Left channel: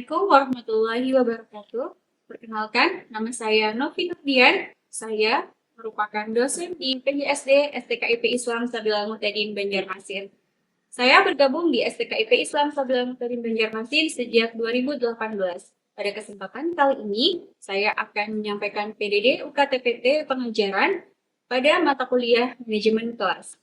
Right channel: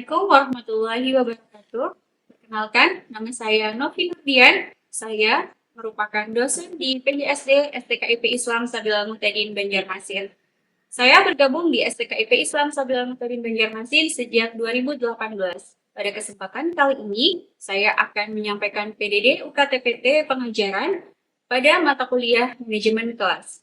Assalamualaikum warahmatullahi wabarakatuh. Perkenalkan, nama saya Novi Nurdian. Saya merupakan dosen di PGSD STKIP Islam Sabila Muhtadin Banjarmasin. Saya bergabung di STKIP Islam Sabila Muhtadin Banjarmasin sejak 2018. Pada kesempatan kali ini, saya akan menyampaikan PDD UKTPT pengajaran pada mata kuliah manajemen kelas.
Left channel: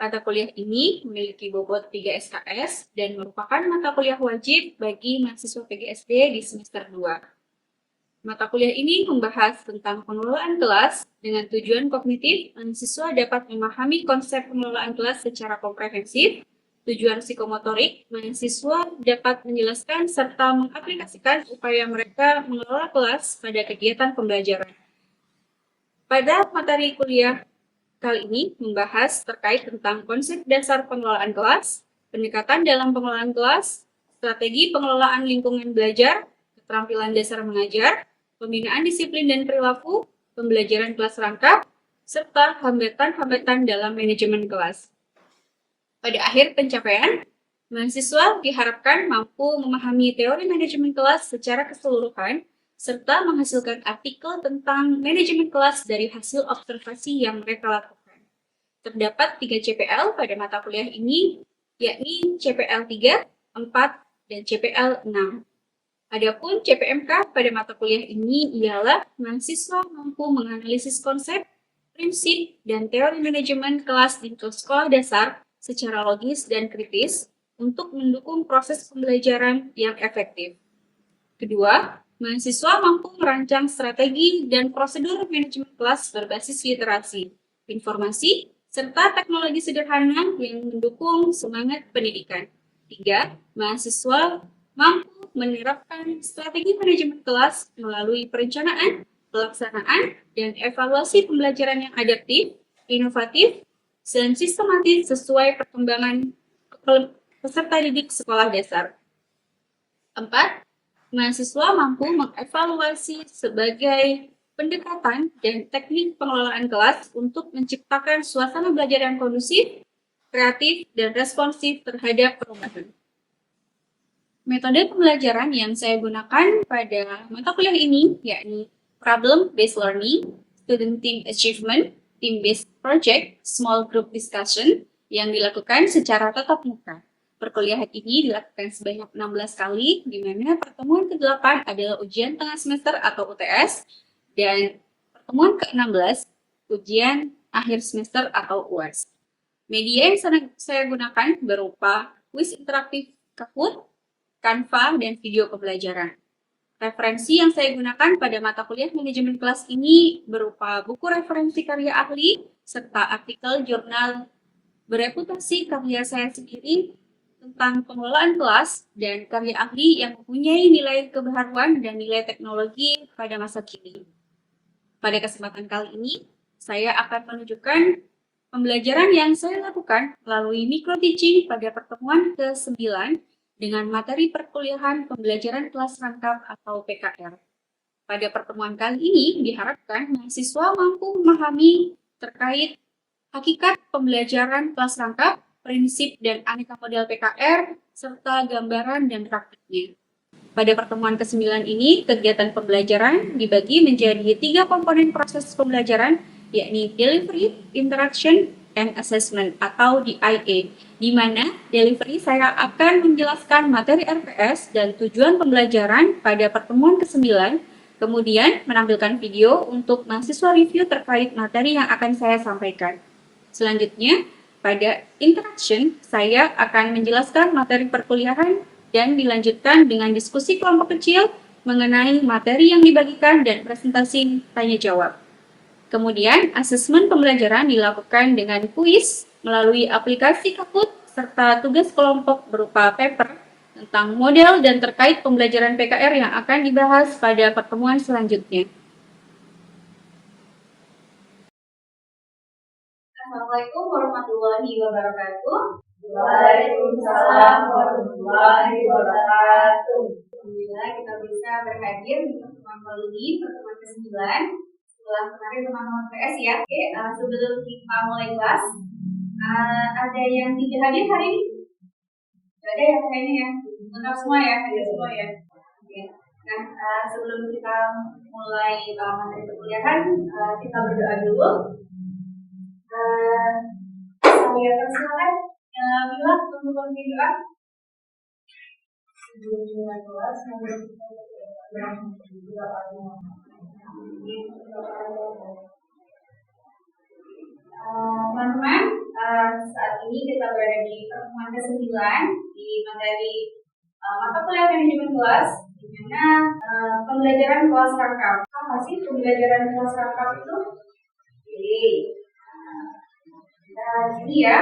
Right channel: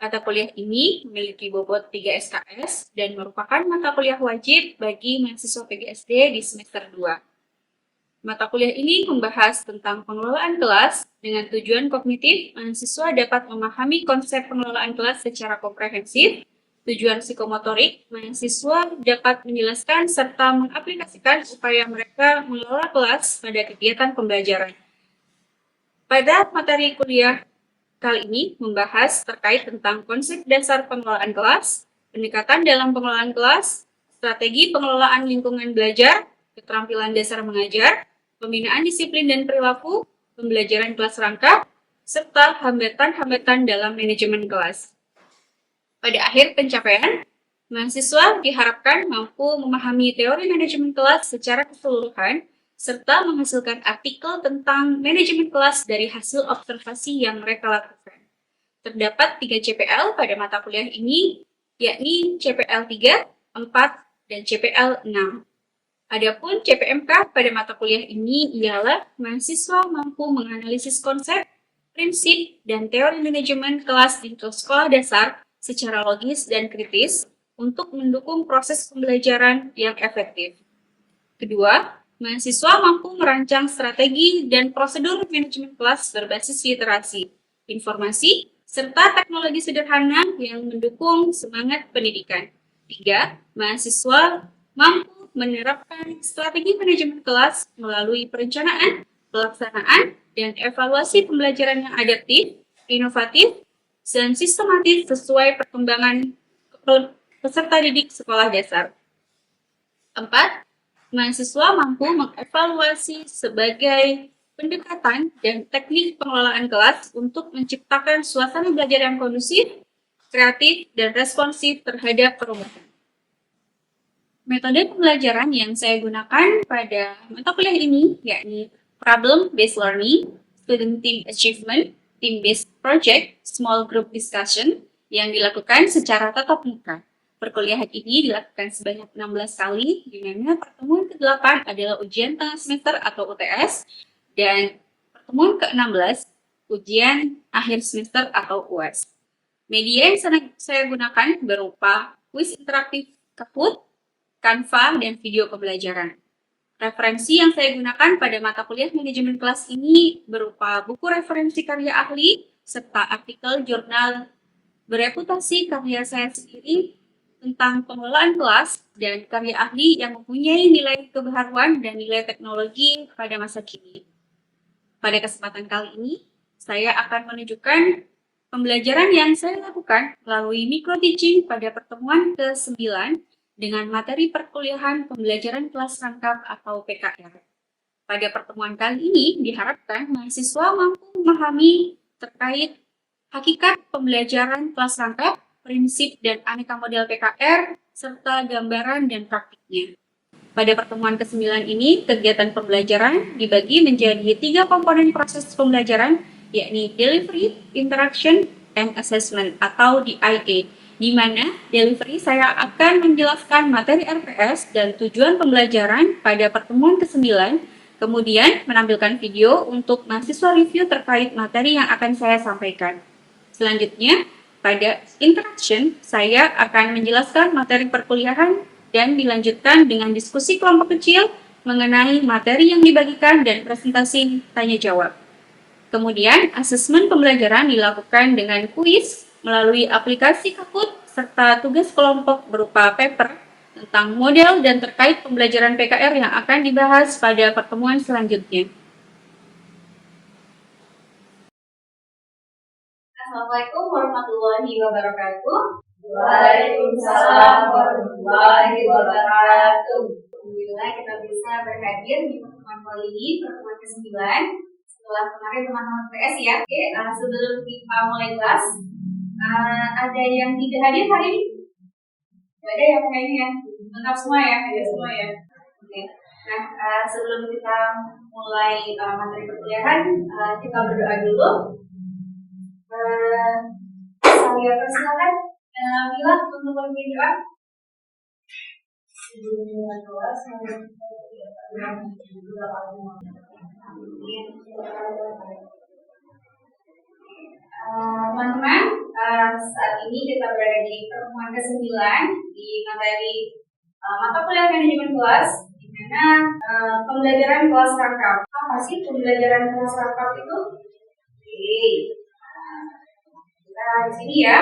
Mata kuliah ini memiliki bobot 3 SKS dan merupakan mata kuliah wajib bagi mahasiswa PGSD di semester 2. Mata kuliah ini membahas tentang pengelolaan kelas dengan tujuan kognitif, mahasiswa dapat memahami konsep pengelolaan kelas secara komprehensif. Tujuan psikomotorik, mahasiswa dapat menjelaskan serta mengaplikasikan upaya mereka mengelola kelas pada kegiatan pembelajaran. Pada materi kuliah kali ini membahas terkait tentang konsep dasar pengelolaan kelas, pendekatan dalam pengelolaan kelas, strategi pengelolaan lingkungan belajar, keterampilan dasar mengajar, pembinaan disiplin dan perilaku, pembelajaran kelas rangkap, serta hambatan-hambatan dalam manajemen kelas. Pada akhir pencapaian, mahasiswa diharapkan mampu memahami teori manajemen kelas secara keseluruhan serta menghasilkan artikel tentang manajemen kelas dari hasil observasi yang mereka lakukan. Terdapat 3 CPL pada mata kuliah ini, yakni CPL 3, 4, dan CPL 6. Adapun CPMK pada mata kuliah ini ialah mahasiswa mampu menganalisis konsep, prinsip, dan teori manajemen kelas di sekolah dasar secara logis dan kritis untuk mendukung proses pembelajaran yang efektif. Kedua, mahasiswa mampu merancang strategi dan prosedur manajemen kelas berbasis literasi, informasi, serta teknologi sederhana yang mendukung semangat pendidikan. 3. Mahasiswa mampu menerapkan strategi manajemen kelas melalui perencanaan, pelaksanaan, dan evaluasi pembelajaran yang adaptif, inovatif, dan sistematis sesuai perkembangan peserta didik sekolah dasar. 4. Mahasiswa mampu mengevaluasi sebagai pendekatan dan teknik pengelolaan kelas untuk menciptakan suasana belajar yang kondusif, kreatif, dan responsif terhadap perubahan. Metode pembelajaran yang saya gunakan pada mata kuliah ini yakni problem-based learning, student team achievement, team-based project, small group discussion yang dilakukan secara tatap muka. Perkuliahan ini dilakukan sebanyak 16 kali, di mana pertemuan ke-8 adalah ujian tengah semester atau UTS, dan pertemuan ke-16 ujian akhir semester atau UAS. Media yang saya gunakan berupa kuis interaktif Kahoot, Canva, dan video pembelajaran. Referensi yang saya gunakan pada mata kuliah manajemen kelas ini berupa buku referensi karya ahli, serta artikel jurnal bereputasi karya saya sendiri tentang pengelolaan kelas dan karya ahli yang mempunyai nilai kebaharuan dan nilai teknologi pada masa kini. Pada kesempatan kali ini, saya akan menunjukkan pembelajaran yang saya lakukan melalui micro-teaching pada pertemuan ke-9 dengan materi perkuliahan pembelajaran kelas rangkap atau PKR. Pada pertemuan kali ini, diharapkan mahasiswa mampu memahami terkait hakikat pembelajaran kelas rangkap, prinsip dan aneka model PKR, serta gambaran dan praktiknya. Pada pertemuan ke-9 ini, kegiatan pembelajaran dibagi menjadi 3 komponen proses pembelajaran, yakni delivery, interaction, and assessment atau DIA, di mana delivery saya akan menjelaskan materi RPS dan tujuan pembelajaran pada pertemuan ke-9, kemudian menampilkan video untuk mahasiswa review terkait materi yang akan saya sampaikan. Selanjutnya, pada interaction, saya akan menjelaskan materi perkuliahan dan dilanjutkan dengan diskusi kelompok kecil mengenai materi yang dibagikan dan presentasi tanya-jawab. Kemudian, asesmen pembelajaran dilakukan dengan kuis melalui aplikasi Kahoot serta tugas kelompok berupa paper tentang model dan terkait pembelajaran PKR yang akan dibahas pada pertemuan selanjutnya. Assalamualaikum warahmatullahi wabarakatuh. Waalaikumsalam warahmatullahi wabarakatuh. Alhamdulillah kita bisa berhadir di pertemuan kali ini, pertemuan ke-9. Setelah kemarin teman-teman PS ya. Oke, sebelum kita mulai kelas, ada yang tidak hadir hari ini? Tidak ada ya kayaknya ya? Lengkap semua ya? Ada semua ya? Oke. Nah, sebelum kita mulai materi perkuliahan, kita berdoa dulu. Saya persilakan Mila untuk memimpin doa. Teman-teman, saat ini kita berada di pertemuan ke-9 di materi mata kuliah manajemen kelas, di mana pembelajaran kelas rangkap. Apa sih pembelajaran kelas rangkap itu? Oke, kita di sini ya.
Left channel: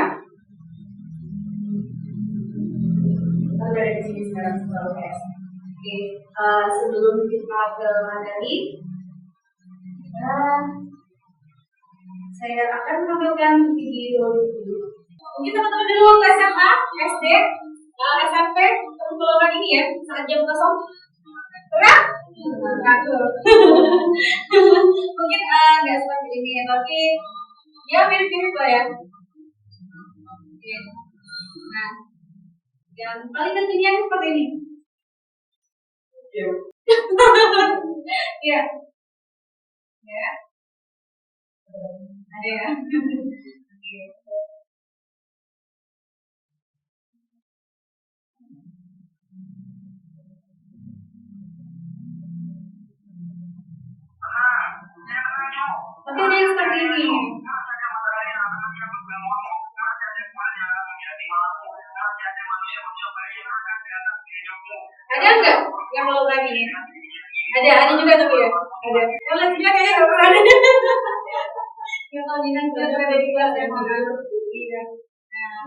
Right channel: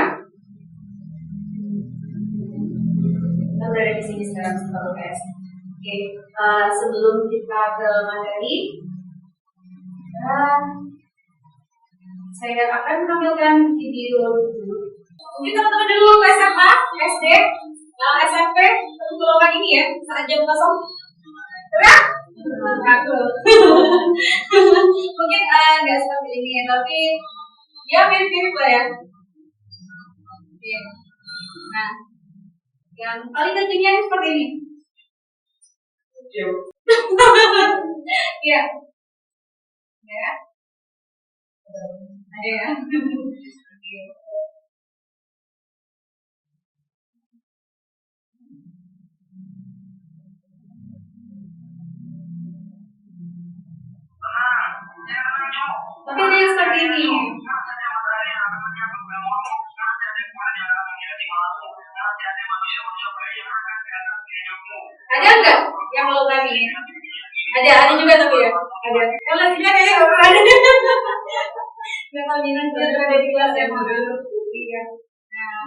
Kita berada di sini sekarang setelah UTS. Oke, sebelum kita ke materi, saya akan menampilkan video dulu. Mungkin teman-teman dulu ke SMA, SD, SMP, untuk ini ya, saat jam kosong. Berat? Mungkin nggak seperti ini, tapi ya mirip-mirip lah ya. Oke. Nah, yang paling pentingnya seperti ini. Iya. Ya. Ada ya. Oke. Oke, ada yang seperti ini. Ada nggak yang mau kami? Ada juga tapi ya. Ada. Kalau sini kayaknya nggak pernah ada. Nggak tahu Dinas ada di kelas yang mau dulu. Iya. Nah,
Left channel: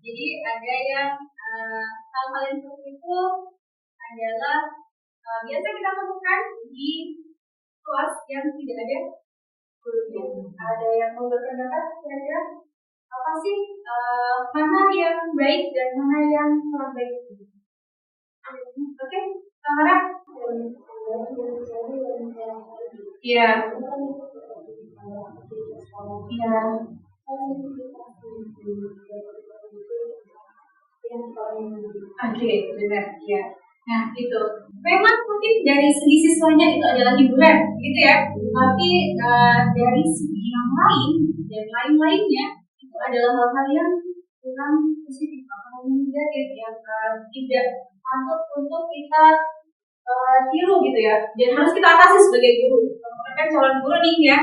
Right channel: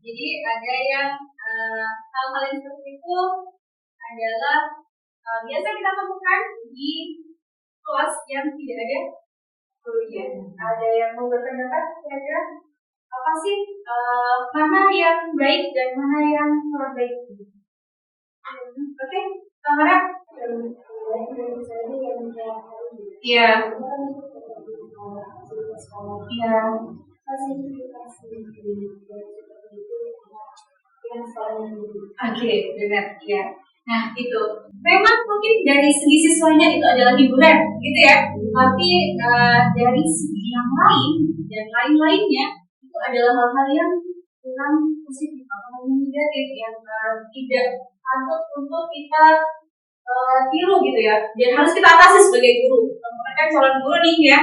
jadi ada yang hal-hal yang seperti itu adalah biasa kita temukan di kelas yang tidak ada gurunya. Ada yang mau berpendapat kira-kira apa sih mana yang baik dan mana yang kurang baik? Oke, Kamara. Iya. Iya. Oke, benar. Iya. Nah, itu. Memang mungkin dari segi siswanya itu adalah hiburan, gitu ya. Tapi dari segi yang lain dan lain-lainnya itu adalah hal-hal yang kurang positif atau negatif yang tidak patut untuk kita tiru gitu ya. Dan harus kita atasi sebagai guru. Teman-teman kan calon guru nih ya,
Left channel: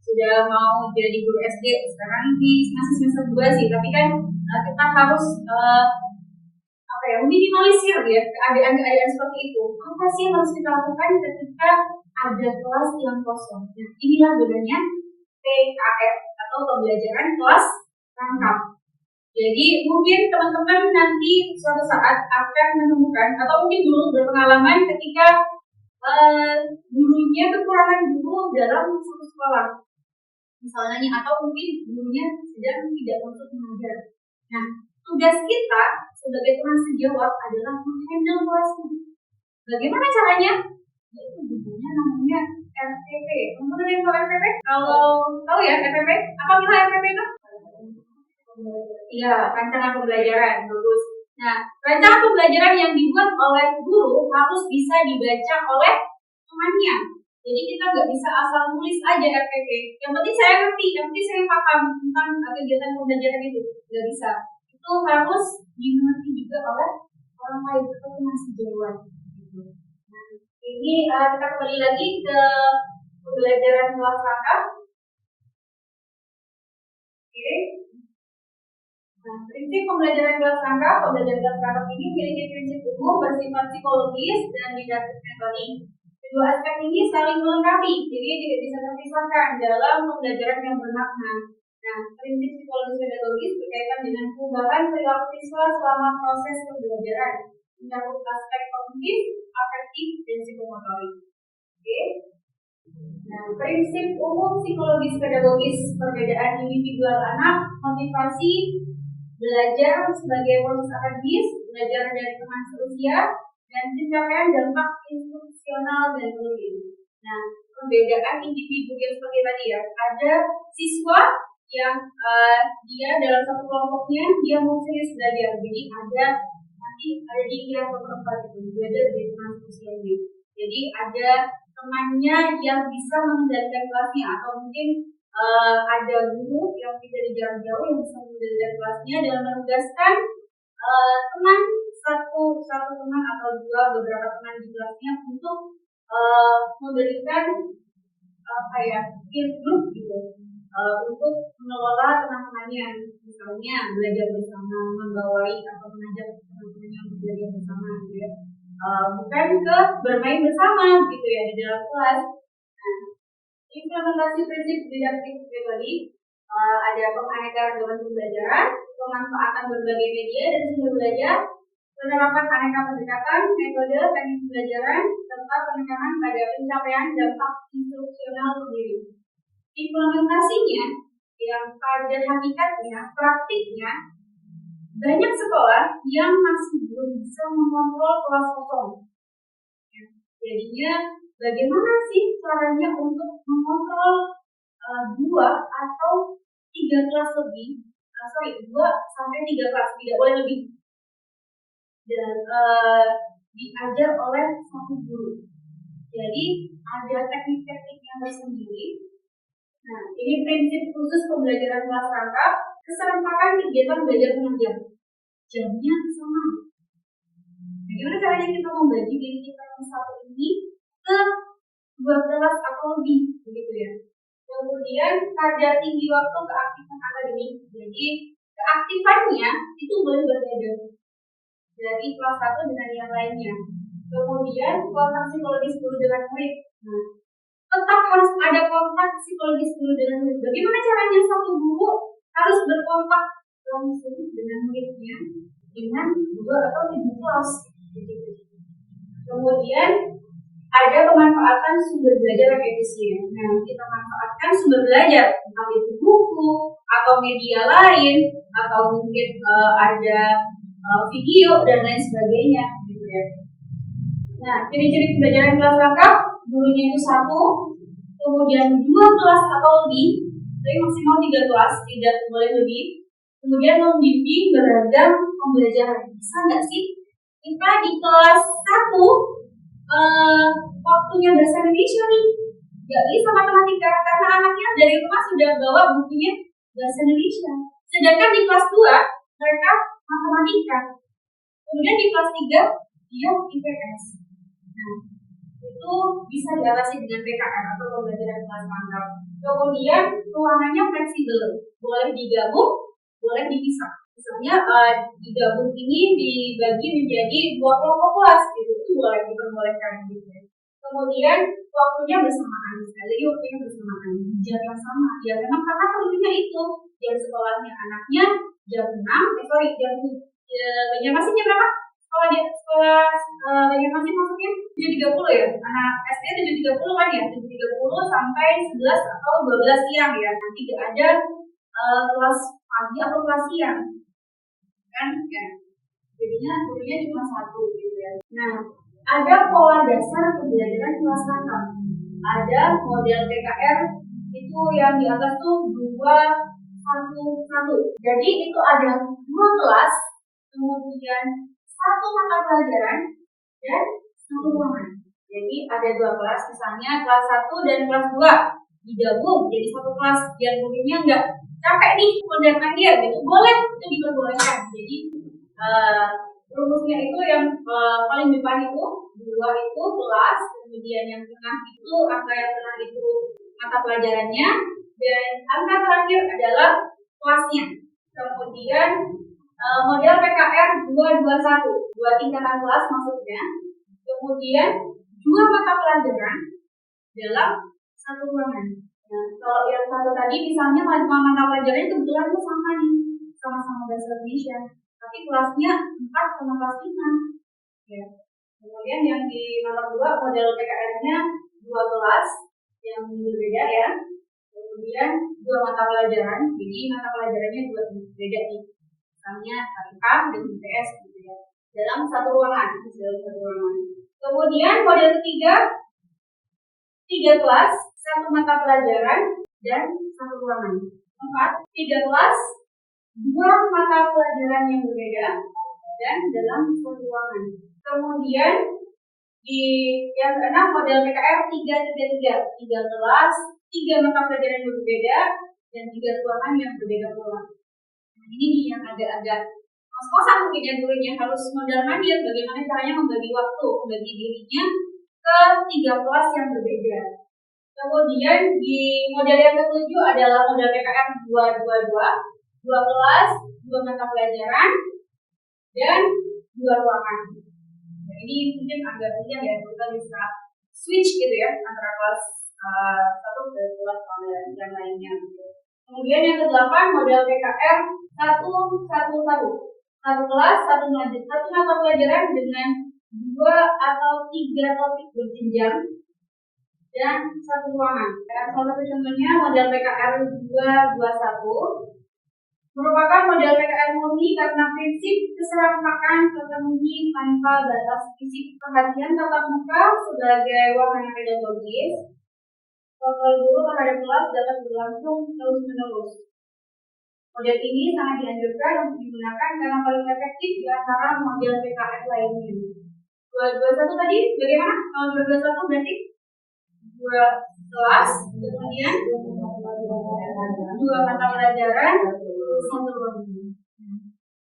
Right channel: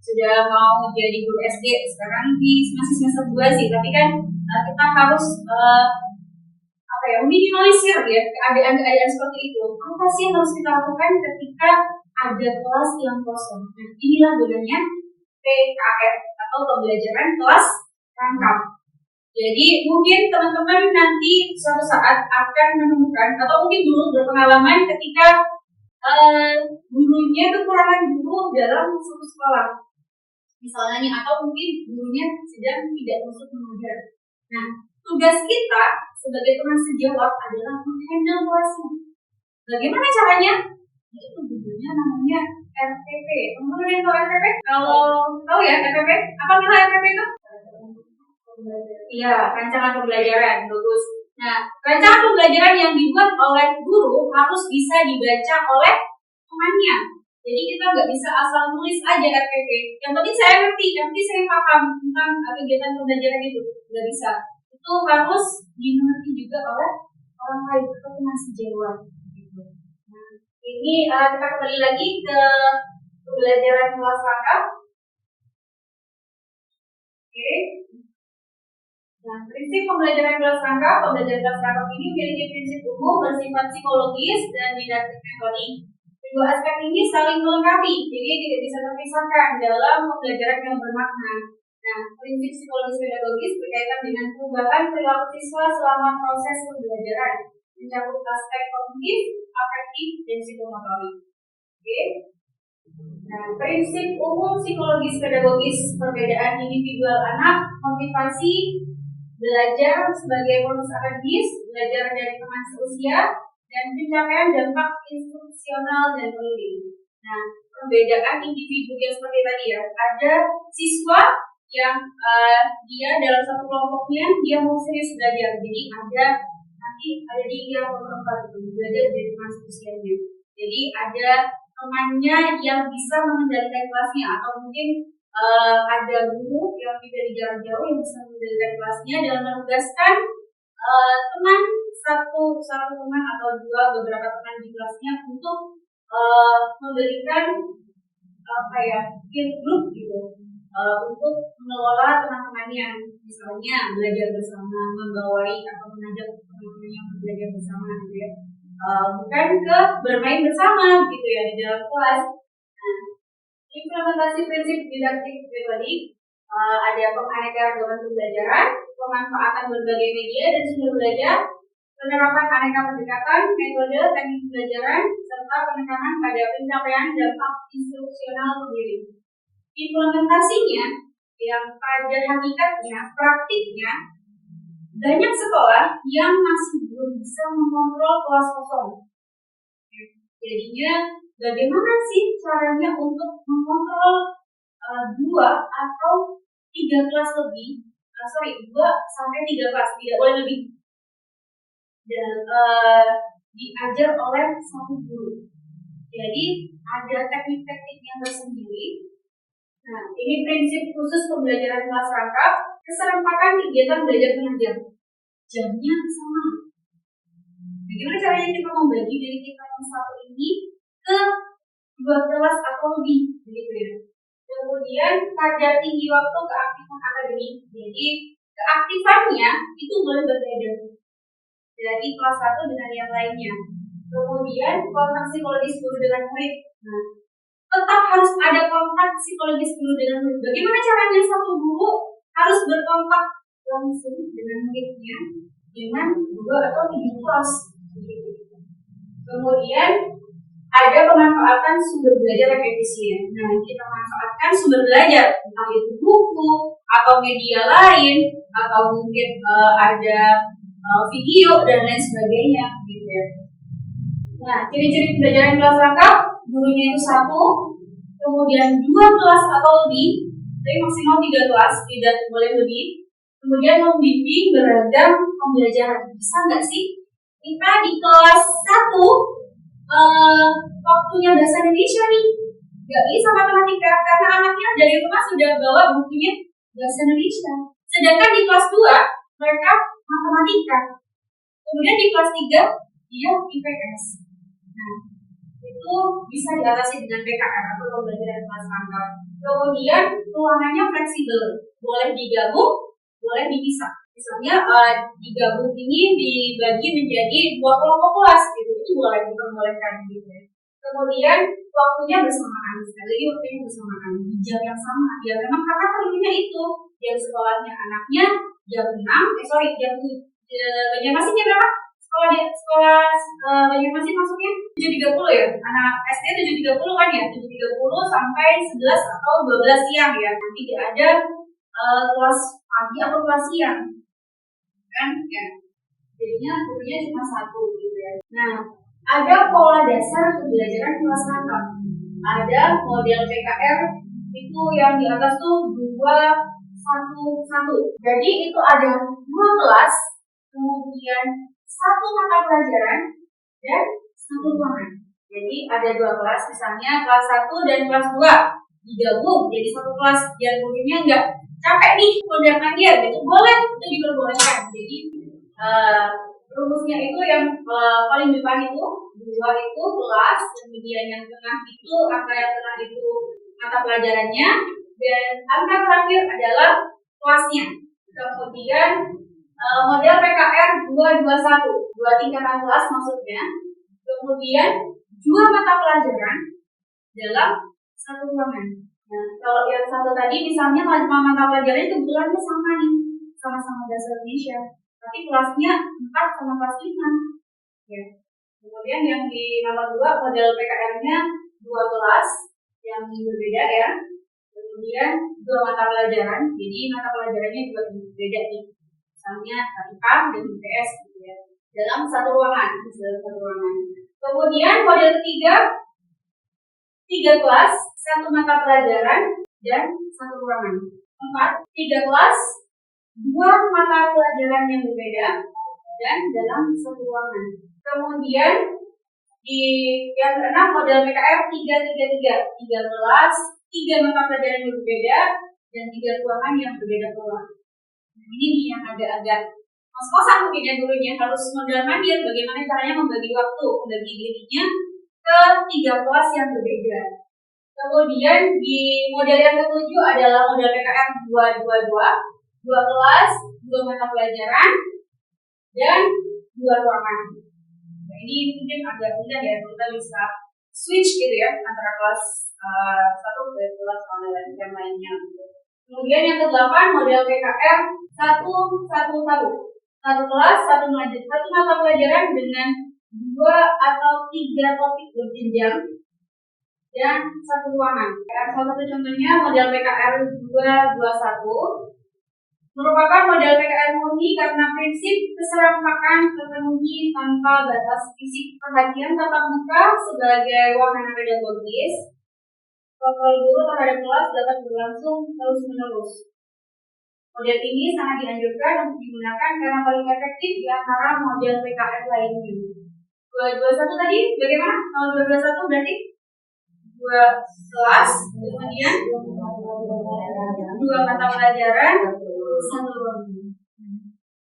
sudah mau jadi guru SD sekarang masih semester 2 sih, tapi kan kita harus meminimalisir ya keadaan-keadaan seperti itu. Apa sih yang harus kita lakukan ketika ada kelas yang kosong? Nah, inilah gunanya PKR atau pembelajaran kelas rangkap. Jadi mungkin teman-teman nanti suatu saat akan menemukan atau mungkin dulu berpengalaman ketika gurunya kekurangan guru dalam suatu sekolah, misalnya, atau mungkin gurunya sedang tidak masuk mengajar. Nah, tugas kita sebagai teman sejawat adalah menghandle kelasnya. Bagaimana caranya? Yaitu gurunya namanya RPP. Teman-teman yang tahu RPP? Kalau tahu ya RPP, apa nilai RPP itu? Iya, rancangan pembelajaran. Bagus. Nah, rancangan pembelajaran yang dibuat oleh guru harus bisa dibaca oleh temannya. Jadi kita nggak bisa asal nulis aja RPP. Yang penting saya ngerti, yang penting saya paham tentang kegiatan pembelajaran itu. Nggak bisa. Itu harus dimengerti juga oleh orang lain atau teman sejawat. Nah, ini kita kembali lagi ke pembelajaran kelas rangkap. Oke. Nah, prinsip pembelajaran kelas rangkap ini memiliki prinsip umum bersifat psikologis dan didaktik metodik. Kedua aspek ini saling melengkapi, jadi tidak bisa terpisahkan dalam pembelajaran yang bermakna. Nah, prinsip psikologis pedagogis berkaitan dengan perubahan perilaku siswa selama proses pembelajaran, mencakup aspek kognitif, afektif, dan psikomotorik. Oke. Nah, prinsip umum psikologis pedagogis, perbedaan individual anak, motivasi, belajar sebagai proses akademis, belajar dari teman seusia, dan pencapaian dampak instruksional dan politik. Nah, perbedaan individu yang seperti tadi ya, ada siswa yang dia dalam satu kelompoknya dia mau serius belajar, jadi ada nanti ada di yang keempat itu belajar dari teman sosialnya. Jadi ada temannya yang bisa mengendalikan kelasnya atau mungkin ada guru yang dari jarak jauh yang bisa mengendalikan kelasnya dalam menugaskan teman satu teman atau beberapa teman di kelasnya untuk memberikan apa ya peer group gitu untuk mengelola teman-temannya, misalnya belajar bersama, membawai atau mengajak teman-temannya untuk belajar bersama gitu ya. Bukan ke bermain bersama gitu ya di dalam kelas. Nah, implementasi prinsip didaktik metode ada penganeka-ragaman pembelajaran, pemanfaatan berbagai media dan sumber belajar, penerapan aneka pendekatan, metode, teknik pembelajaran, serta penekanan pada pencapaian dampak instruksional sendiri. Implementasinya yang pada hakikatnya, praktiknya, banyak sekolah yang masih belum bisa mengontrol kelas kosong. Jadinya bagaimana sih caranya untuk mengontrol 2 atau 3 kelas lebih? 2 sampai 3 kelas, tidak boleh lebih. Dan diajar oleh satu guru. Jadi ada teknik-teknik yang tersendiri. Nah, ini prinsip khusus pembelajaran kelas rangkap, keserempakan kegiatan belajar mengajar. Jamnya sama. Bagaimana caranya kita membagi diri kita yang satu ini ke 2 kelas atau lebih, begitu ya. Kemudian kadar tinggi waktu keaktifan akademik. Jadi keaktifannya itu boleh berbeda dari kelas 1 dengan yang lainnya. Kemudian kontak psikologis guru dengan murid. Nah, tetap harus ada kontak psikologis guru dengan murid. Bagaimana caranya satu guru harus berkontak langsung dengan muridnya dengan 2 atau 3 kelas. Kemudian ada pemanfaatan sumber belajar yang efisien. Nah, kita manfaatkan sumber belajar, entah itu buku atau media lain, atau mungkin ada video dan lain sebagainya, gitu ya. Nah, ciri-ciri pembelajaran kelas rangkap, gurunya itu 1, kemudian 2 kelas atau lebih, tapi maksimal 3 kelas, tidak boleh lebih. Kemudian membimbing beragam pembelajaran. Bisa nggak sih kita di kelas 1 waktunya bahasa Indonesia nih, nggak bisa matematika karena anaknya dari rumah sudah bawa bukunya bahasa Indonesia. Sedangkan di kelas 2 mereka matematika. Kemudian di kelas 3 dia IPS. Nah, itu bisa diatasi dengan PKR atau pembelajaran kelas rangkap. Kemudian ruangannya fleksibel, boleh digabung, boleh dipisah. Misalnya digabung ini dibagi menjadi 2 kelompok kelas, gitu. Itu boleh diperbolehkan gitu. Kemudian waktunya bersamaan, sekali lagi waktunya bersamaan di jam yang sama. Ya memang karena perlunya itu jam sekolahnya anaknya jam 6, jam Banjarmasin jam berapa? Sekolah Banjarmasin masuknya 7.30 ya. Anak SD 7.30 kan ya, 7.30 sampai 11 atau 12 siang ya. Nanti tidak ada kelas pagi atau kelas siang. Kan ya. Jadinya gurunya cuma 1 gitu ya. Nah, ada pola dasar pembelajaran kelas rangkap. Ada model PKR itu yang di atas tuh 2, 1, 1. Jadi itu ada 2 kelas, kemudian 1 mata pelajaran dan 1 ruangan. Jadi ada 2 kelas, misalnya kelas 1 dan kelas 2 digabung jadi 1 kelas. Biar gurunya nggak capek nih mendatangi gitu, boleh, itu diperbolehkan. Jadi rumusnya itu yang paling depan itu 2 itu kelas, kemudian yang tengah itu angka yang tengah itu mata pelajarannya, dan angka terakhir adalah kelasnya. Kemudian model PKR 221, 2 tingkatan kelas maksudnya. Kemudian 2 mata pelajaran dalam 1 ruangan. Nah, kalau yang 1 tadi misalnya mata pelajarannya kebetulan sama nih, sama-sama bahasa Indonesia, tapi kelasnya 4 sama kelas 5 ya. Kemudian yang di nomor 2 model PKR-nya 2 kelas yang berbeda ya. Kemudian 2 mata pelajaran, jadi mata pelajarannya 2 berbeda nih. Misalnya IPA dan IPS gitu ya. Dalam 1 ruangan, Kemudian model ketiga 3 kelas, 1 mata pelajaran dan 1 ruangan. 4, 3 kelas, 2 mata pelajaran yang berbeda, dan dalam satu ruangan. Kemudian di yang keenam model PKR 333, 3 kelas, 3 mata pelajaran yang berbeda, dan 3 ruangan yang berbeda pula. Nah, ini nih yang agak-agak kos-kosan mungkin ya gurunya, harus mondar-mandir bagaimana caranya membagi waktu, membagi dirinya ke 3 kelas yang berbeda. Kemudian di model yang ketujuh adalah model PKR 222, 2 kelas, 2 mata pelajaran, dan 2 ruangan. Nah, ini mungkin agak mudah ya, kita bisa switch gitu ya antara kelas satu ke kelas yang lainnya. Kemudian yang ke-8 model PKR 111, 1 kelas, 1 mata pelajaran dengan 2 atau 3 topik berjenjang dan 1 ruangan. Salah satu contohnya model PKR 221 merupakan model PKR murni karena prinsip keserentakan terpenuhi tanpa batas fisik. Perhatian tatap muka sebagai wahana pedagogis, kontrol guru terhadap kelas dapat berlangsung terus-menerus. Model ini sangat dianjurkan untuk digunakan karena paling efektif di antara model PKR lainnya. 221 tadi bagaimana? Kalau 221 berarti 2 kelas, kemudian 2 mata pelajaran, 1 ruangan.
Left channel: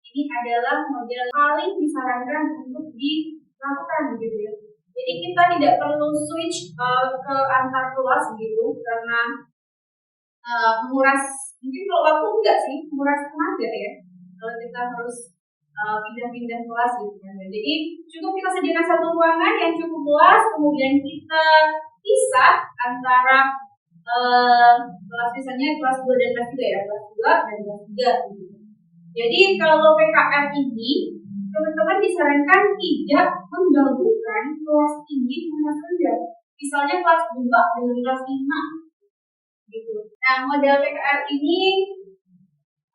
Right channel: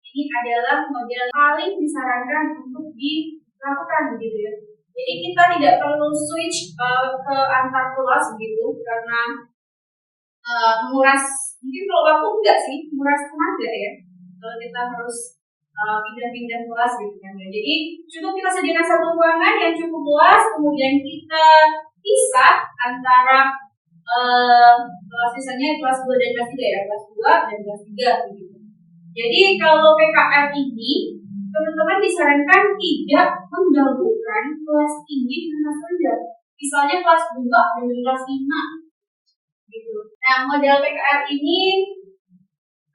Ini adalah model paling disarankan untuk dilakukan begitu ya. Jadi kita tidak perlu switch ke antar kelas begitu karena menguras, mungkin kalau waktu enggak sih, menguras tenaga ya. Kalau kita harus pindah-pindah kelas gitu kan. Jadi cukup kita sediakan 1 ruangan yang cukup luas, kemudian kita pisah antara kelas misalnya kelas 2 dan kelas 3 ya, kelas 2 dan kelas 3 gitu. Jadi kalau PKR ini teman-teman disarankan tidak menggabungkan kelas tinggi dengan kelas rendah. Misalnya kelas 2 dengan kelas 5 gitu. Nah, model PKR ini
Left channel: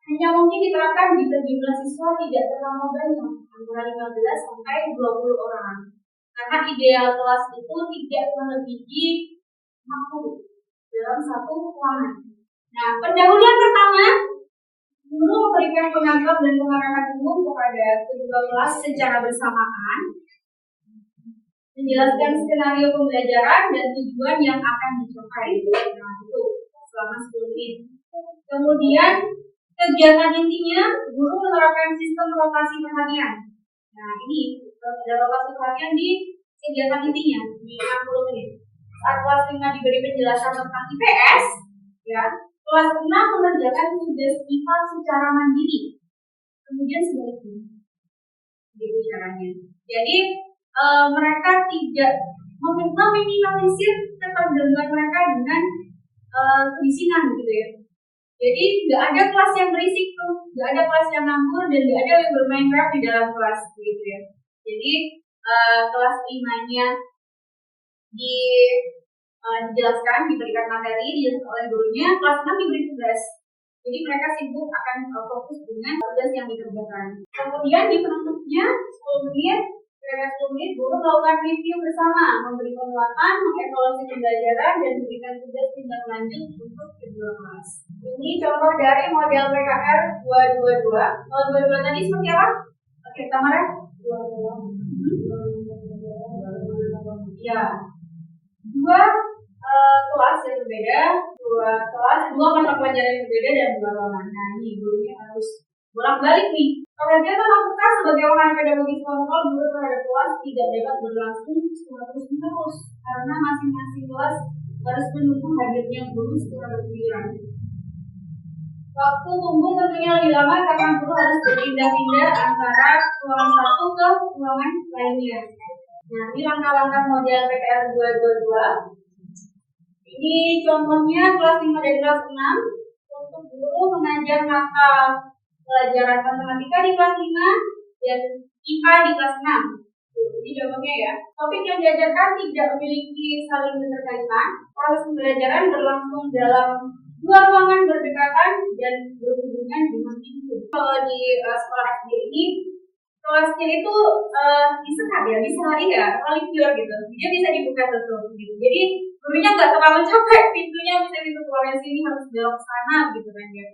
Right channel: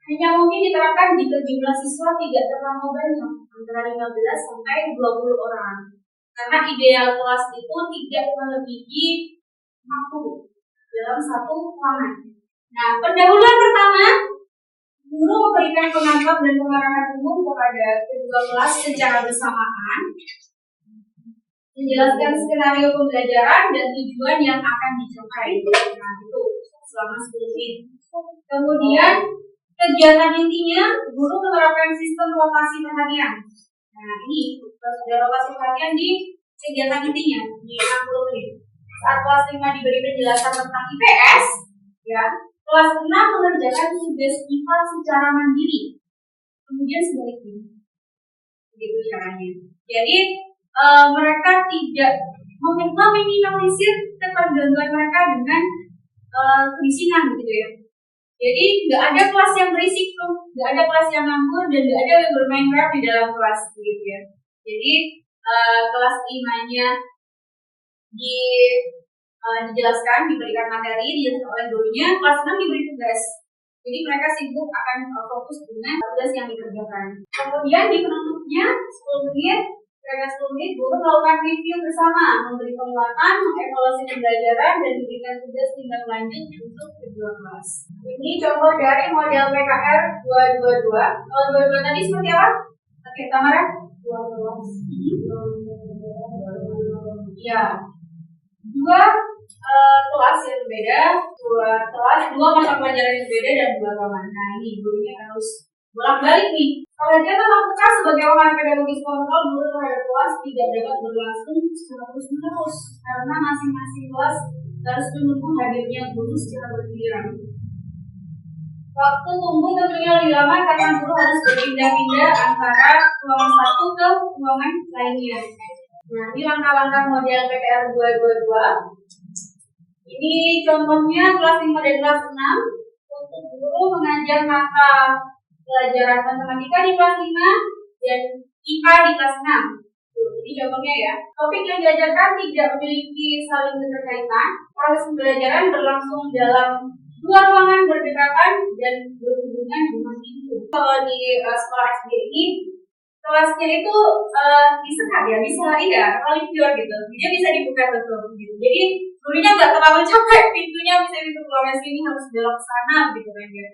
hanya mungkin diterapkan jika jumlah siswa tidak terlalu banyak, antara 15 sampai 20 orang. Karena ideal kelas itu tidak melebihi 40 dalam 1 ruangan. Nah, pendahuluan pertama, guru memberikan pengantar dan pengarahan umum kepada kedua kelas secara bersamaan, menjelaskan skenario pembelajaran dan tujuan yang akan dicapai. Nah, itu selama 10 menit. Kemudian kegiatan intinya, guru menerapkan sistem rotasi perhatian. Nah, ini ada rotasi perhatian di kegiatan intinya di 60 menit. Saat kelas 5 diberi penjelasan tentang IPS, ya, kelas 6 mengerjakan tugas IPA secara mandiri. Kemudian sebaliknya, begitu caranya. Jadi mereka tidak meminimalisir ketergangguan mereka dengan kebisingan gitu ya. Jadi nggak ada kelas yang berisik tuh, nggak ada kelas yang nganggur dan nggak ada yang bermain rap di dalam kelas gitu ya. Jadi kelas 5-nya dijelaskan, diberikan materi, dijelaskan oleh gurunya, kelas 6 diberi tugas. Jadi mereka sibuk akan fokus dengan tugas yang dikerjakan. Kemudian di penutupnya 10 menit, kira-kira 10 menit, guru melakukan review bersama, memberi penguatan, mengevaluasi pembelajaran, dan diberikan tugas tindak lanjut untuk kedua kelas. Ini contoh dari model PKR 222. Kalau 22 tadi seperti apa? Oke, Tamara? 2 kelas. Ya. 2 kelas yang berbeda, 2 kelas, 2 mata pelajaran yang berbeda dan 2 ruangan. Nah, ini gurunya harus bolak-balik nih. Perhatian tatap muka sebagai wahana pedagogis kontrol guru terhadap kelas tidak dapat berlangsung secara terus-menerus karena masing-masing kelas harus menunggu hadirnya guru secara bergiliran. Waktu tunggu tentunya lebih lama karena guru harus berpindah-pindah antara ruangan satu ke ruangan lainnya. Nah, ini langkah-langkah model PKR 222. Ini contohnya kelas 5 dan kelas 6 untuk guru mengajar mata pelajaran matematika di kelas 5 dan IPA di kelas 6. Ini contohnya ya. Topik yang diajarkan tidak memiliki saling keterkaitan. Proses pembelajaran berlangsung dalam 2 ruangan berdekatan dan berhubungan dengan pintu. Kalau di sekolah SD ini kelasnya itu disekat ya, diselari ya, paling pure gitu. Dia bisa dibuka tutup gitu. Jadi gurunya nggak terlalu capek, pintunya bisa pintu keluarnya sini harus belok ke sana gitu kan ya.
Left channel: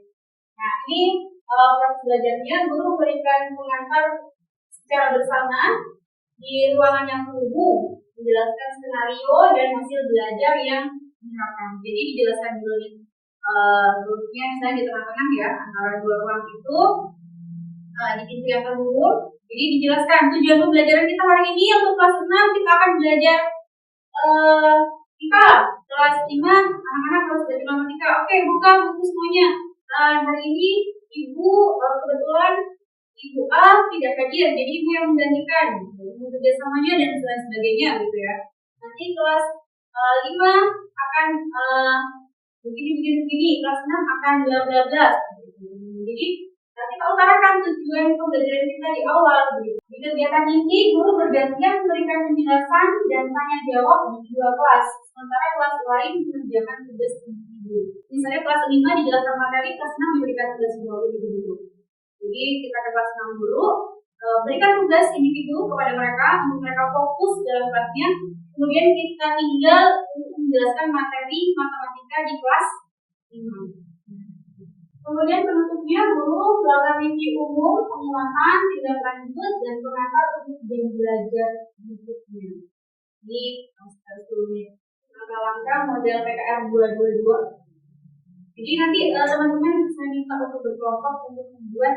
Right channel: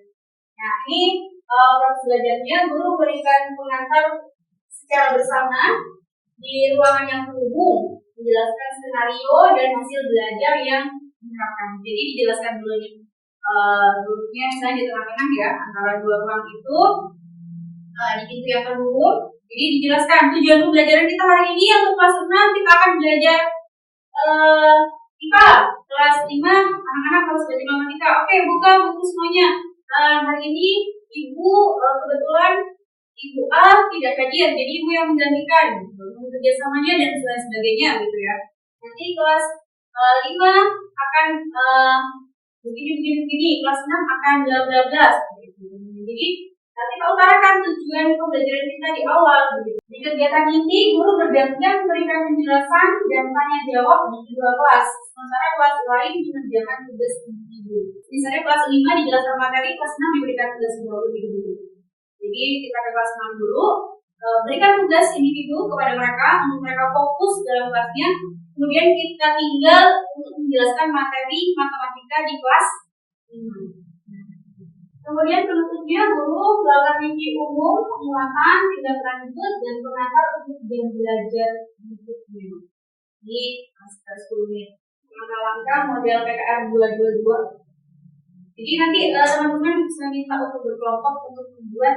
Nah, ini proses belajarnya guru memberikan pengantar secara bersama di ruangan yang terhubung, menjelaskan skenario dan hasil belajar yang diterapkan. Jadi dijelaskan dulu nih duduknya misalnya di tengah-tengah ya antara dua ruang itu di pintu yang terhubung. Jadi dijelaskan tujuan pembelajaran kita hari ini untuk kelas 6 kita akan belajar IPA. Kelas 5 anak-anak harus belajar matematika. Oke, buka buku semuanya. Hari ini Ibu kebetulan Ibu A tidak hadir, jadi Ibu yang menggantikan kerjasamanya dan sebagainya gitu ya. Nanti kelas 5 akan begini, kelas 6 akan bla bla bla seperti itu. Jadi nanti kita utarakan tujuan pembelajaran kita di awal begitu. Di kegiatan ini guru bergantian memberikan penjelasan dan tanya jawab di dua kelas. Sementara kelas lain mengerjakan tugas individu. Misalnya kelas 5 dijelaskan materi, kelas 6 diberikan tugas individu. Jadi kita ke kelas 6 dulu, berikan tugas individu kepada mereka untuk mereka fokus dalam kelasnya. Kemudian kita tinggal untuk menjelaskan materi matematika di kelas 5. Kemudian penutupnya guru melakukan review umum, penguatan, tindak lanjut, dan pengantar untuk jam belajar berikutnya. Ini sekitar 10 menit. Langkah-langkah model PKR 222. Jadi nanti teman-teman bisa minta untuk berkelompok untuk membuat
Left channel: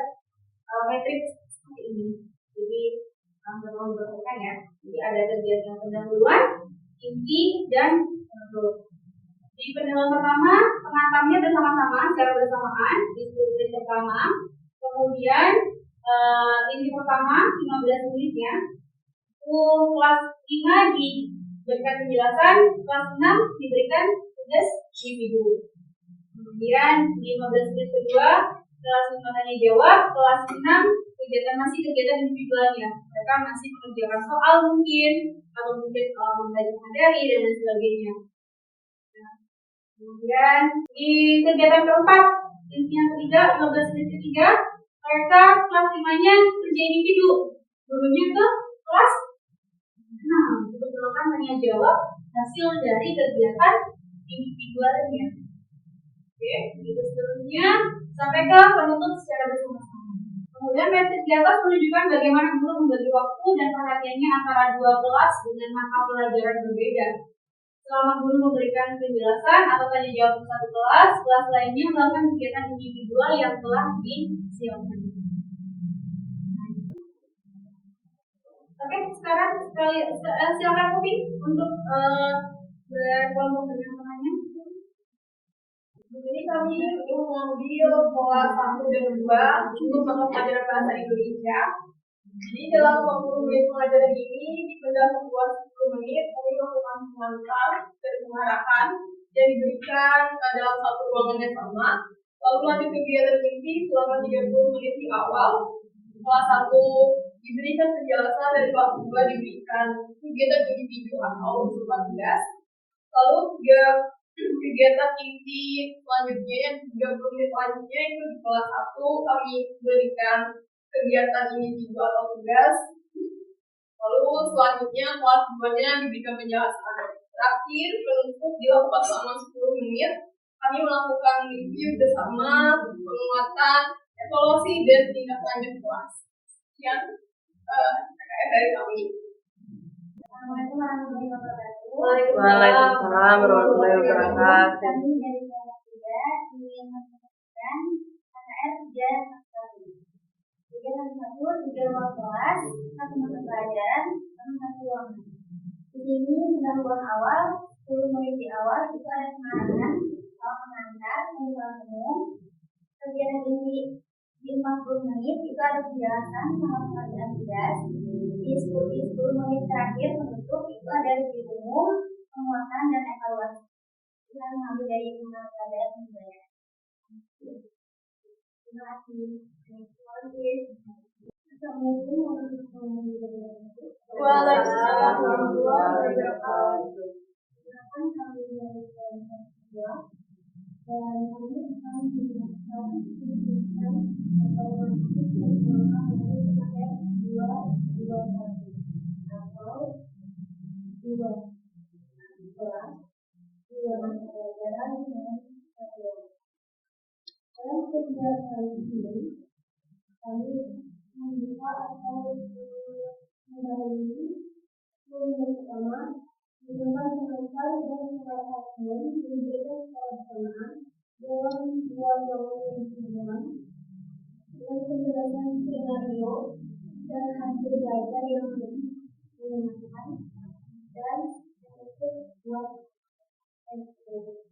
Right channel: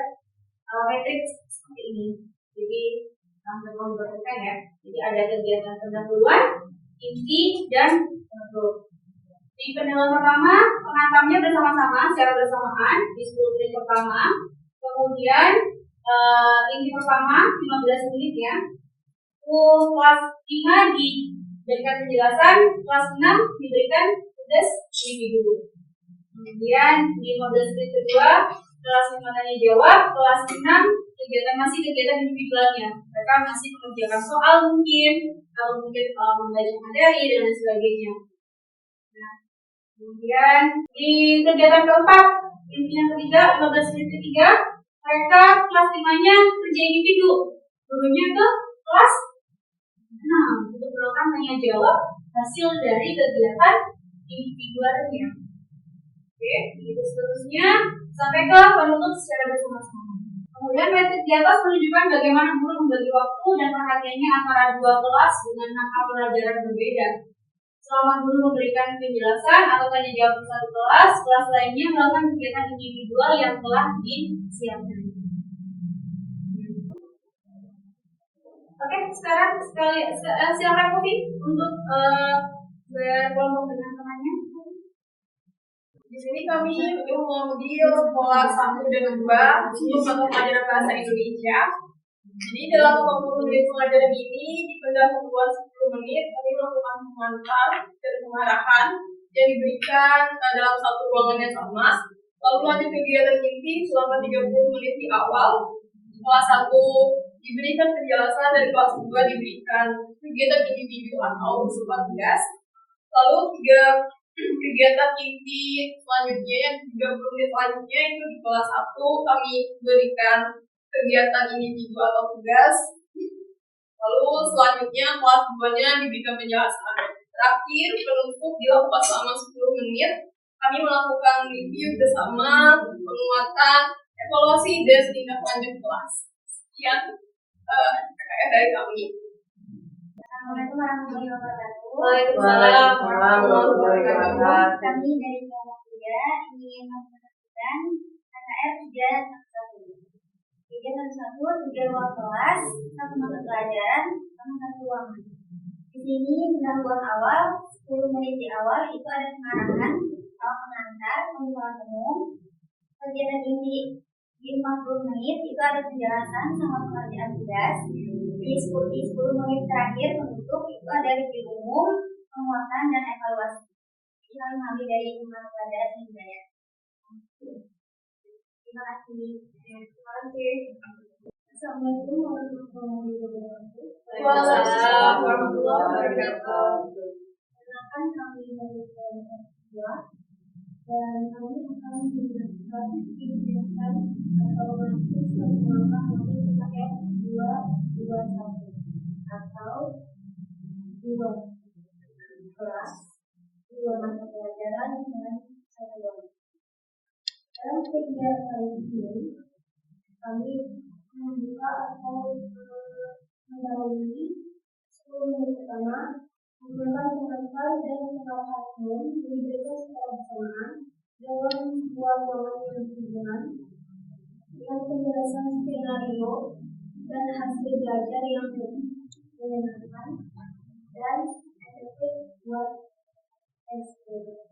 matriks seperti ini. Jadi teman-teman berpekan ya. Jadi ada kegiatan pendahuluan, inti, dan penutup. Di pendahuluan pertama, pengantarnya bersama-sama secara bersamaan di 10 menit pertama. Kemudian inti pertama 15 menit ya. Kelas 5 diberikan penjelasan, kelas 6 diberikan tugas individu. Kemudian di 15 menit kedua, kelas 5 tanya jawab, kelas 6 masih kegiatan individualnya. Mereka masih mengerjakan soal mungkin, atau mungkin membaca materi dan lain sebagainya. Nah, kemudian di kegiatan keempat, inti yang ketiga, 15 menit ketiga, mereka kelas 5-nya kerja individu. Gurunya ke kelas 6 untuk melakukan tanya jawab hasil dari kegiatan individualnya. Oke, begitu seterusnya sampai ke penutup secara bersama-sama. Kemudian metode di atas menunjukkan bagaimana guru membagi waktu dan perhatiannya antara dua kelas dengan hal pelajaran berbeda. Selama guru memberikan penjelasan atau tanya jawab di satu kelas, kelas lainnya melakukan kegiatan individual yang telah disiapkan. Oke, sekarang silakan Kofi untuk berkelompok dengan temannya. Di sini kami mengambil pola 1 dan 2 untuk mata pelajaran bahasa Indonesia. Jadi dalam 40 menit pelajaran ini dipendahuluan 10 menit kami melakukan pengantar dan pengarahan yang diberikan dalam satu ruangan yang sama. Lalu lanjut kegiatan inti selama 30 menit di awal. Kelas 1 diberikan penjelasan dan kelas 2 diberikan kegiatan individu atau berupa tugas. Lalu kegiatan inti selanjutnya yang 30 menit selanjutnya itu di kelas 1 kami berikan kegiatan individu atau tugas. Lalu selanjutnya kelas 2-nya diberikan penjelasan. Terakhir penutup dilakukan selama 10 menit. Kami melakukan review bersama, penguatan, evaluasi dan tindak lanjut kelas. Sekian dari kami. Assalamualaikum warahmatullahi wabarakatuh. Waalaikumsalam warahmatullahi wabarakatuh. Kami dari kelompok 3 ingin mempresentasikan KKR 3 kegiatan 1, 3 ruang kelas, 1 mata pelajaran, sama 1 ruangan. Di sini pendahuluan awal 10 menit di awal itu ada pengarahan atau pengantar, pembukaan umum. Kegiatan inti di 40 menit itu ada penjelasan sama pengerjaan tugas. Di 10 menit terakhir penutup itu ada review umum, penguatan dan evaluasi. Ini kami mengambil dari mata pelajaran budaya. Terima kasih. Assalamualaikum warahmatullahi wabarakatuh. Waalaikumsalam warahmatullahi wabarakatuh. Perkenalkan kami dari kelompok 2 dan kami akan menjelaskan kegiatan atau matriks yang menggunakan matriks PKR 221 atau 2 kelas, 2 mata pelajaran dengan 1 ruangan. Dalam kegiatan ini kami membuka atau dan surat hakim diberikan secara bersamaan dalam sebuah ruangan yang berhubungan dengan penjelasan skenario dan hasil belajar yang menyenangkan dan efektif buat ekspor.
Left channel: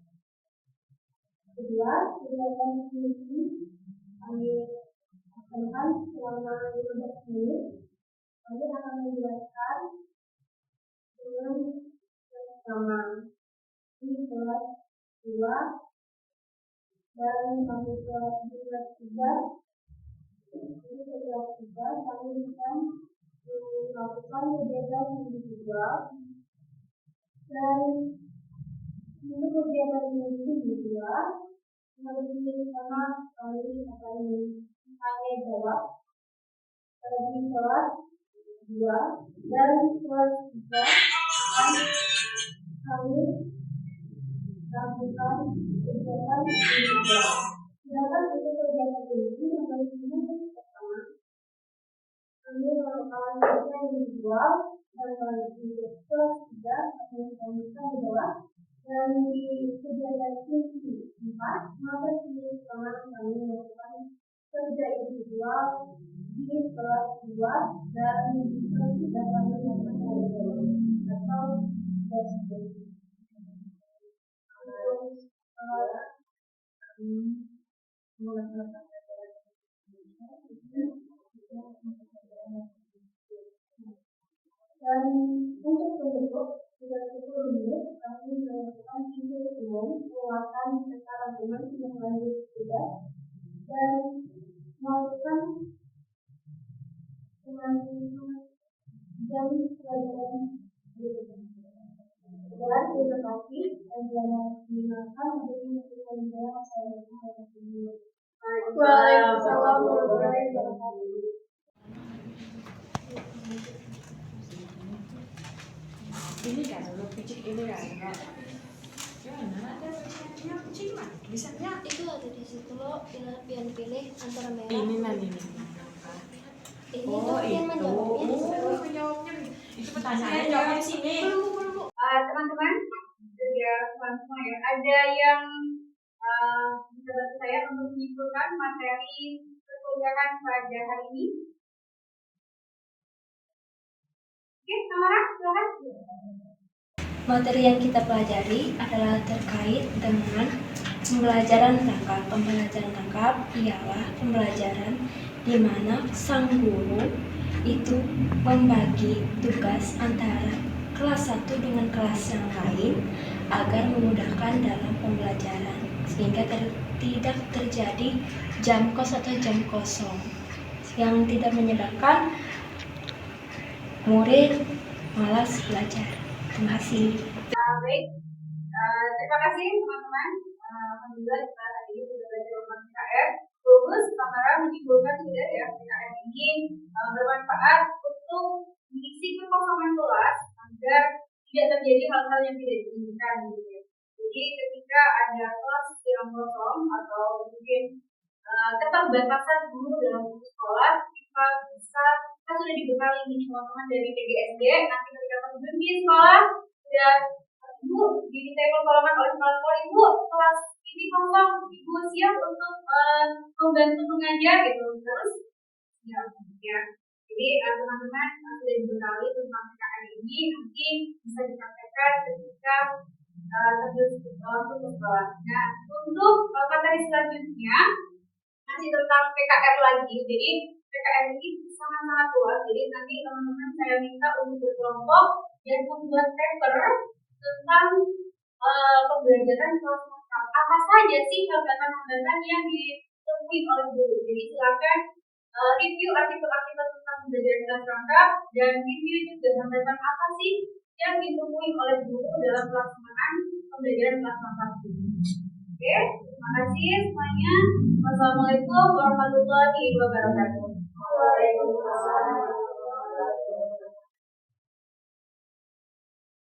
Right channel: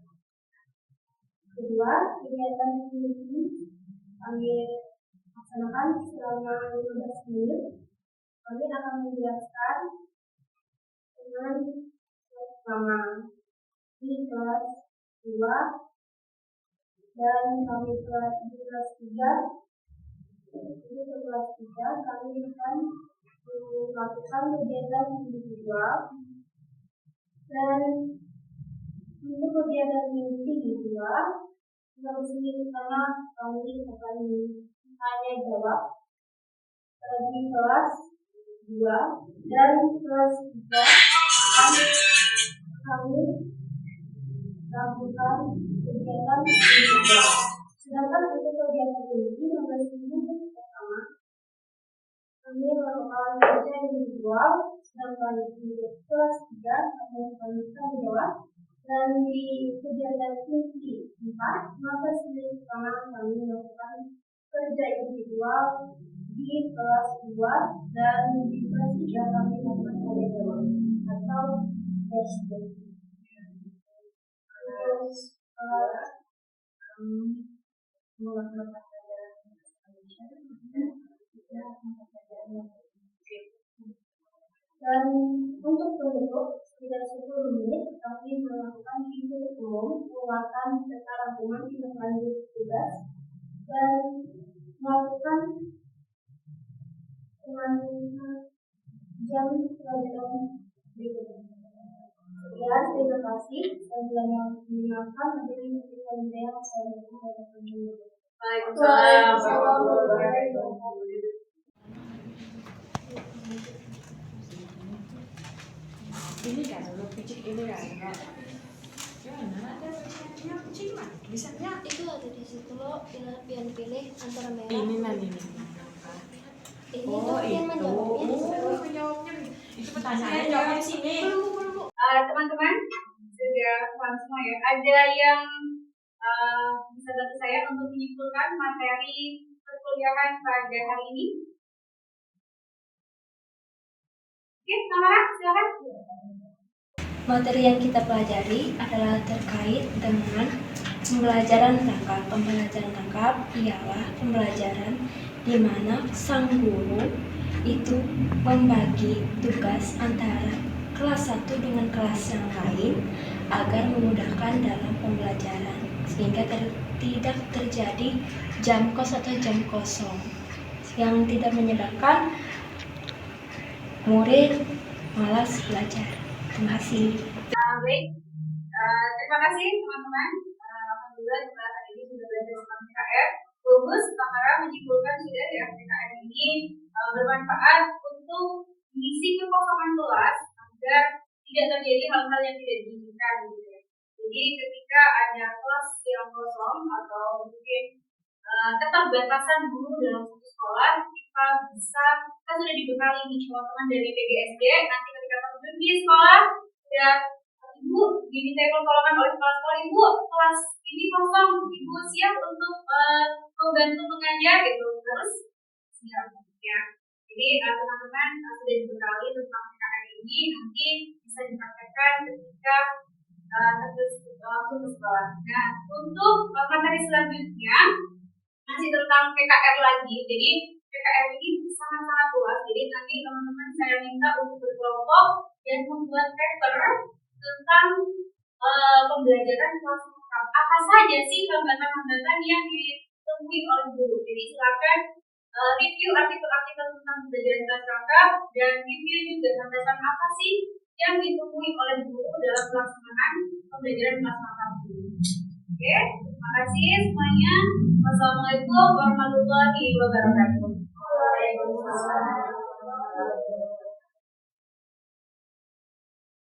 Kedua, kegiatan ini kami laksanakan selama 15 menit. Kami akan menjelaskan dengan selama di kelas 2 dan kami di kelas 3. Jadi ke kelas 3 kami akan melakukan kegiatan individual, dan untuk kegiatan individual harus pertama kami akan tanya jawab di kelas 2 dan kelas 3 akan kami lakukan kegiatan individual. Sedangkan untuk kegiatan ini pertama kami melakukan kerja individual, sedangkan untuk kelas 3 kami akan jawab. Dan di kegiatan inti 4, maka sendiri pertama kami melakukan kerja individual di kelas 2 dan di kelas 3 kami melakukan tanya jawab atau testing. Terus kami melakukan pelajaran dan untuk penutup tidak 10 menit kami melakukan video umum, penguatan serta rangkuman tindak lanjut tugas dan melakukan jam pelajaran berikutnya. Sekian, terima kasih. Saya telah mendengarkan. Hadirin yang saya hormati. Waalaikumsalam warahmatullahi wabarakatuh. Ini kan lo picik ini kan gimana ada yang kucing mah bisanya itu ada di situ lo pilih antara merah ini nanti ini oh tuh yang menjawabnya itu pertanyaannya jawab di sini. Teman-teman sudah paham semua ya. Ada yang bisa bantu saya untuk menyimpulkan materi perkuliahan pada hari ini? Oke, Samara, silakan. materi yang kita pelajari adalah terkait dengan pembelajaran tangkap. Pembelajaran tangkap ialah pembelajaran di mana sang guru itu membagi tugas antara kelas 1 dengan kelas yang lain agar memudahkan dalam pembelajaran sehingga tidak terjadi jam kos atau jam kosong yang tidak menyebabkan murid malas belajar. Terima kasih. Baik, terima kasih teman-teman. Alhamdulillah kita hari ini sudah belajar tentang PKR. Bagus, Samara menyimpulkan sudah ya PKR ini bermanfaat untuk mengisi kekosongan kelas agar tidak terjadi hal-hal yang tidak diinginkan gitu ya. Jadi ketika ada kelas yang kosong atau mungkin keterbatasan guru dalam satu sekolah, kita sudah dibekali nih teman-teman dari PGSD. Nanti ketika teman-teman di sekolah sudah ibu diminta pertolongan oleh kepala sekolah, ibu kelas ini kosong, ibu siap untuk membantu mengajar gitu, terus siap ya. Jadi teman-teman sudah dibekali tentang PKR ini, nanti bisa dipraktekkan ketika langsung ke sekolah. Nah, untuk materi selanjutnya masih tentang PKR lagi. Jadi PKR ini sangat-sangat luas. Jadi nanti teman-teman saya minta untuk berkelompok dan membuat paper tentang pembelajaran kelas tangkap. Apa saja sih hambatan-hambatan yang ditemui oleh guru? Jadi silakan review artikel-artikel tentang pembelajaran kelas tangkap dan review juga hambatan apa sih yang ditemui oleh guru dalam pelaksanaan pembelajaran kelas tangkap ini. Oke, terima kasih semuanya. Wassalamualaikum warahmatullahi wabarakatuh. Waalaikumsalam.